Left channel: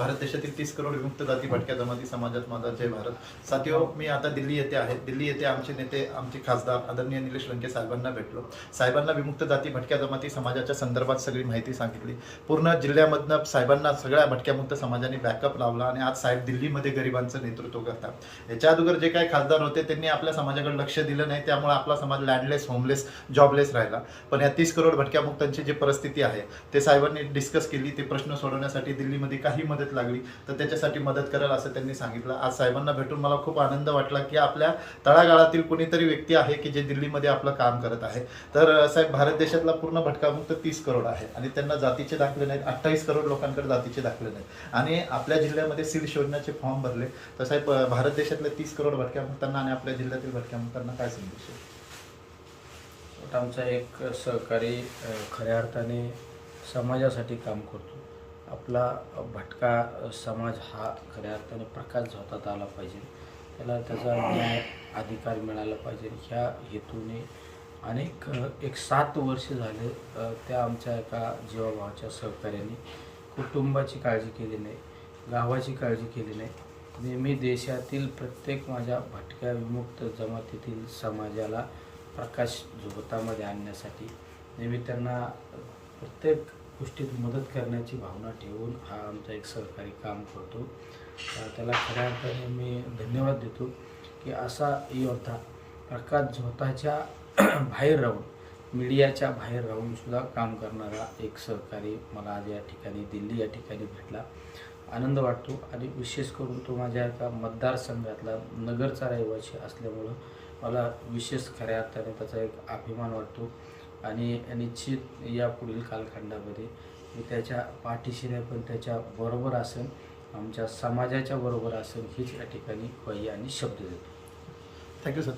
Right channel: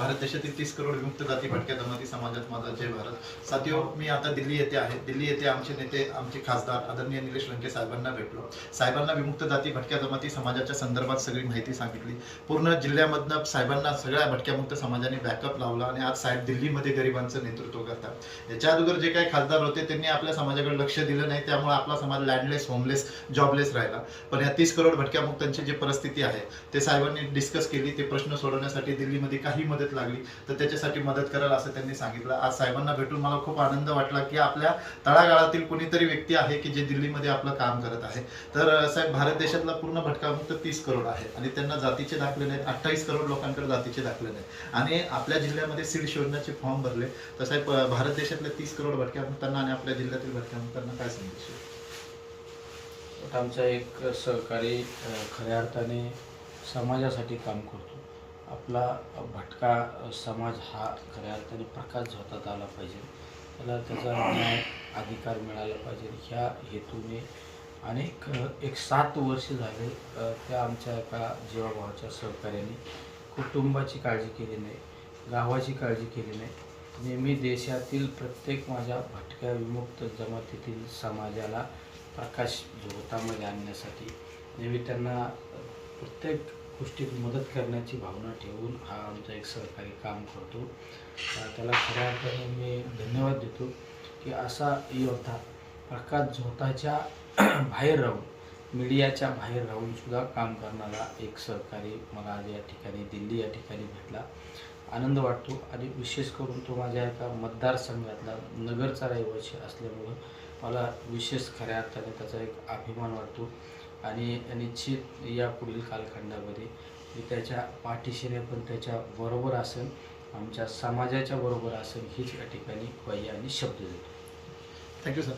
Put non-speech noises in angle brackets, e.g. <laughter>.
भारत देशातील तीस करोड विमुक्त जाती भटक्या जमाती समाजात माझा जय भारत. साथियो मी आता दिल्ली येथे आहे. दिल्ली येथे आमचे नेते आमचे खासदार आदरणीय निलेश लंके साहेबांना भेटलो. साहेबांना विमुक्त जाती भटक्या जमाती समाजाच्या संदर्भात सगळी माहिती सांगितली. पूर्ण जिल्ह्यामधनं साहेबांना सगळ्या भटक्यामुक्त समाजाने बॅकअप लावला आणि आज साहेब दिल्लीमध्ये गरिबांचं नेतृत्व करतात. याच्या अगोदर जे काही खासदार होते त्यांनी आपल्या समाजाकडे लक्ष दिलं नाही त्यामुळे आपला समाज लँडलेस होमलेस जॉबलेस राहिला. पण या तीस करोड भटक्यामुक्तांची जी परिस्थिती आहे ते साहेबांनी डिस्कस केली ते प्रश्न सोडवण्यासाठी दिल्लीमध्ये काही मदत लागली तर त्याच्यासाठी मदत कराल असं त्यांनी सांगितलं. आज साहेबांना भेटून मला खूप आनंद वाटला की आपल्या तळागाळातील कुणीतरी व्यक्ती आहे की जे दिल्लीमध्ये आपलं काम करत आहे. तर साहेब भारत देशातला पूर्ण भटकामुक्त तीस करोड आहे आणि त्यांना जातीचे दाखले नाहीत. अठ्ठावीस करोड लोकांकडे जातीचे दाखले नाहीत. आणि आपल्या जिल्ह्यामध्ये सीड शोधण्याचे फॉर्म भरले. तर साहेब भारत देशातल्या तीस करोड भटक्यामुक्तांना आणि आपल्या जिल्ह्यातील भटक्यामुक्तांना काय संदेश आहे? आमचा एक सहकारी खऱ्या अर्थाने समाजासाठी काम करतो. आपला भटका समाज हा खऱ्या अर्थाने प्रकाश झोतात आला पाहिजे. त्याला त्याचा न्याय अधिकार मिळाला पाहिजे. ह्या हेतूने अनेक एक सात वर्ष झाले त्या आमच्या एका जीवाभावाच्या सहकार्याने कुटुंबाची काळजी केली नाही गावाची काळजी केली नाही. नेहमी देशातील प्रत्येक माझ्या भटक्या विमुक्त जमातीतील समाजाला प्रकाश झोतामध्ये आणण्यासाठी नेहमी त्यांना प्रत्येक गोष्टीत मदत करण्याची भावना ठेवून हा आमचा एक सहकारी काम करतो. त्याला खऱ्या अर्थाने मी धन्यवाद देतो की असा योद्धा प्रकाश झोताच्या <clears throat> बाहेर राहून मीडियाच्या बाहेर राहूनसुद्धा काम करणारा एक सहकारी मला आज या ठिकाणी दिल्ली या ठिकाणी भेटला. आनंद वाटतो आणि विशेष करून तो माझ्या एका मतदारसंघातला नगरचा रहिवासी असल्यामुळं मला विशेष खऱ्या अर्थाने त्याचा एक अभिमान वाटतो. आणि निश्चित या पुढील कालखंडामध्ये मी त्याच्या पाठीशी नाही पण त्याच्या बरोबर असेल आमच्या समाजाच्या बरोबर असेल हीच या ठिकाणी ग्वाही आणि शब्द देतो. Thank you sir